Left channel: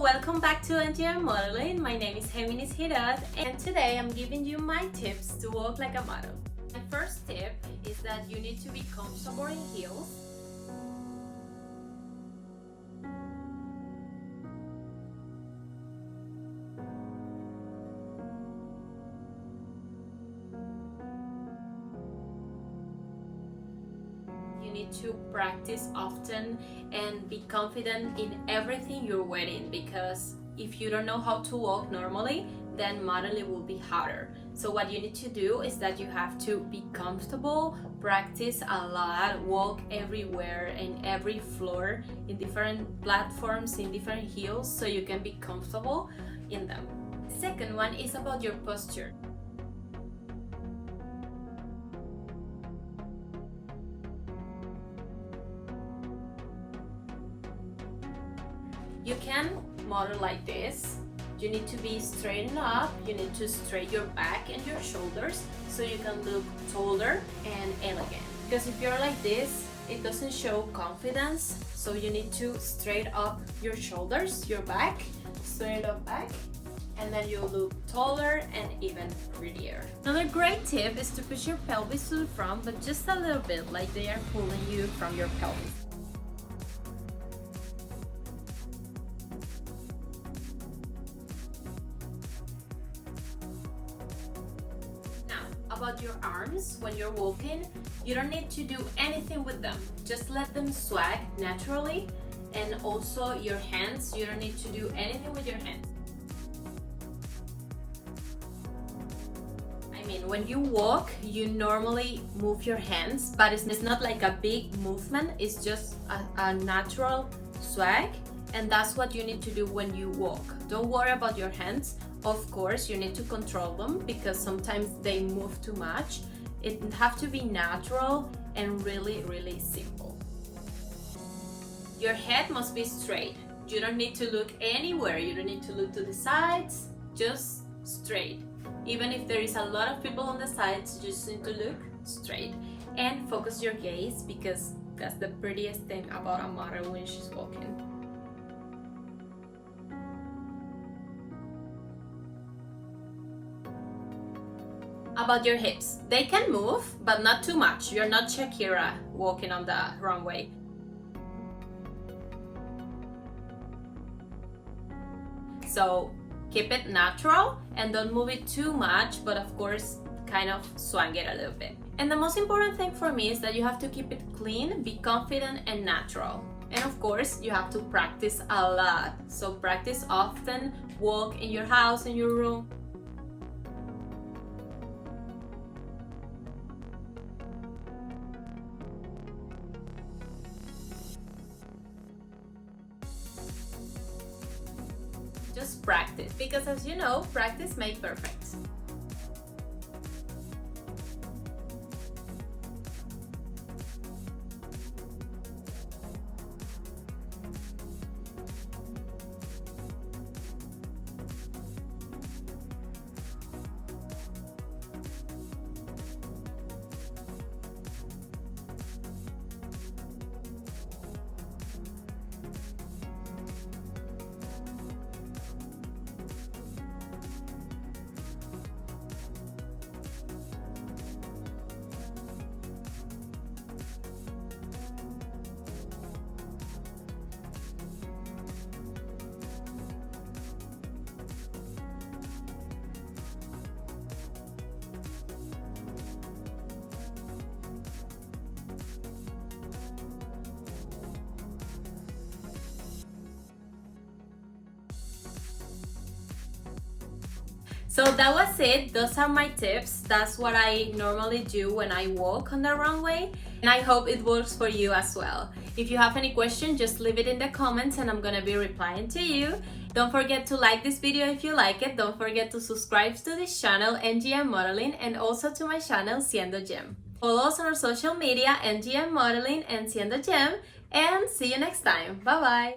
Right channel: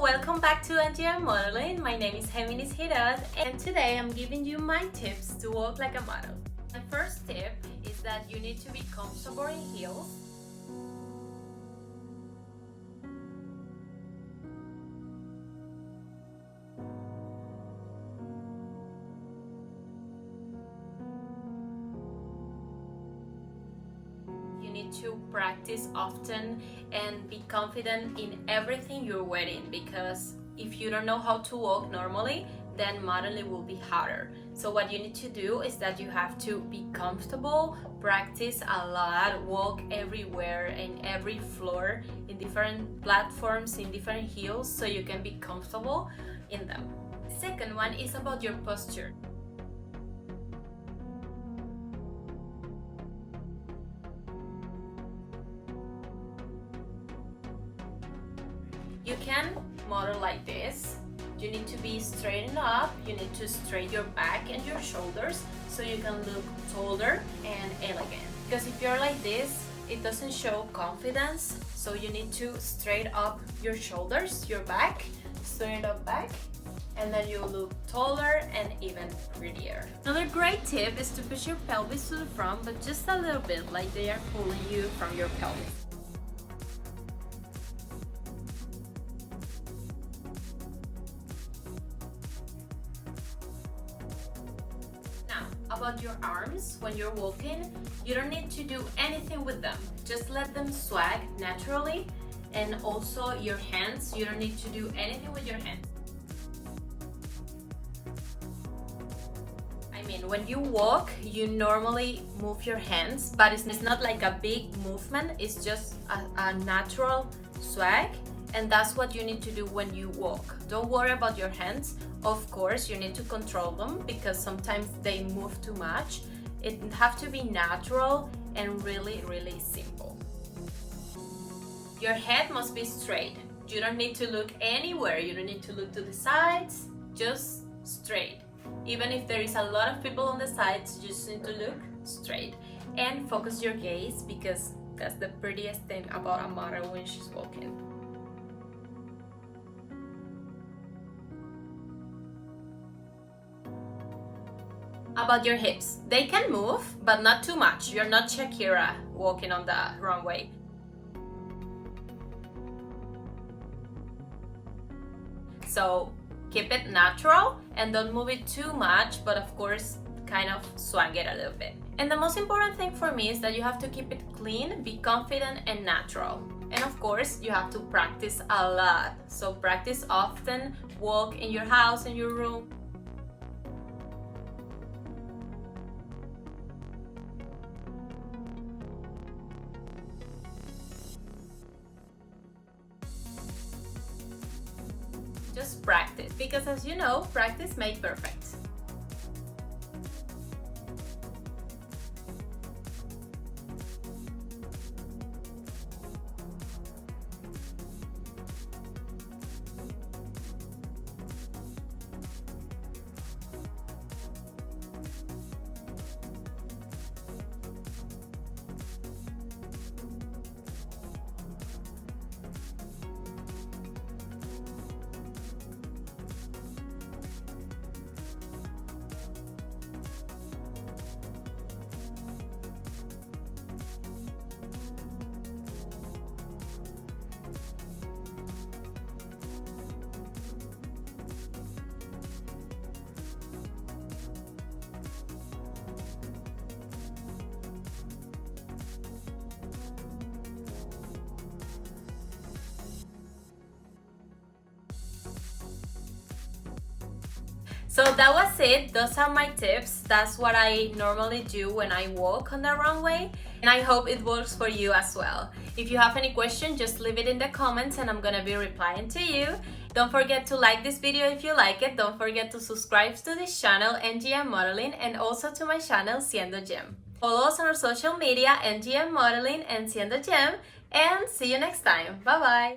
welcome back to NGM Modeling. My name is Géminis Hirad, and today I'm giving you my tips to walk like a model. The first tip is that you need to be comfortable in heels. You need to practice often and be confident in everything you're wearing, because if you don't know how to walk normally, then modeling will be harder. So what you need to do is that you have to be comfortable, practice a lot, walk everywhere in every floor, in different platforms, in different heels, so you can be comfortable in them. Second one is about your posture. You can model like this. You need to be straightened up, you need to straighten your back and your shoulders so you can look taller and elegant. Because if you're like this, it doesn't show confidence, so you need to straighten up your shoulders, your back, straighten up back, and then you look taller and even prettier. Another great tip is to push your pelvis to the front, but just a little bit, like they are pulling you from your pelvis. About your arms, when you're walking, you don't need to do anything with them. Just let them swag naturally. And also your hands, you don't need to do anything with your hands. I mean, when you walk, you normally move your hands, but it's not like a big movement, it's just a natural swag, and that's what you need to do when you walk. Don't worry about your hands. Of course, you need to control them because sometimes they move too much. It have to be natural and really, really simple. Your head must be straight. You don't need to look anywhere. You don't need to look to the sides, just straight. Even if there is a lot of people on the sides, you just need to look straight and focus your gaze, because that's the prettiest thing about a model when she's walking. About your hips, they can move, but not too much. You're not Shakira walking on the runway. So keep it natural and don't move it too much, but of course kind of swag it a little bit. And the most important thing for me is that you have to keep it clean, be confident and natural. And of course you have to practice a lot. So practice often, walk in your house, in your room. Just practice, because as you know, practice makes perfect. So that was it. Those are my tips. That's what I normally do when I walk on the runway, and I hope it works for you as well. If you have any question, just leave it in the comments and I'm gonna be replying to you. Don't forget to like this video if you like it. Don't forget to subscribe to this channel, NGM Modeling, and also to my channel, Siendo Gem. Follow us on our social media, NGM Modeling and Siendo Gem, and see you next time. Bye bye.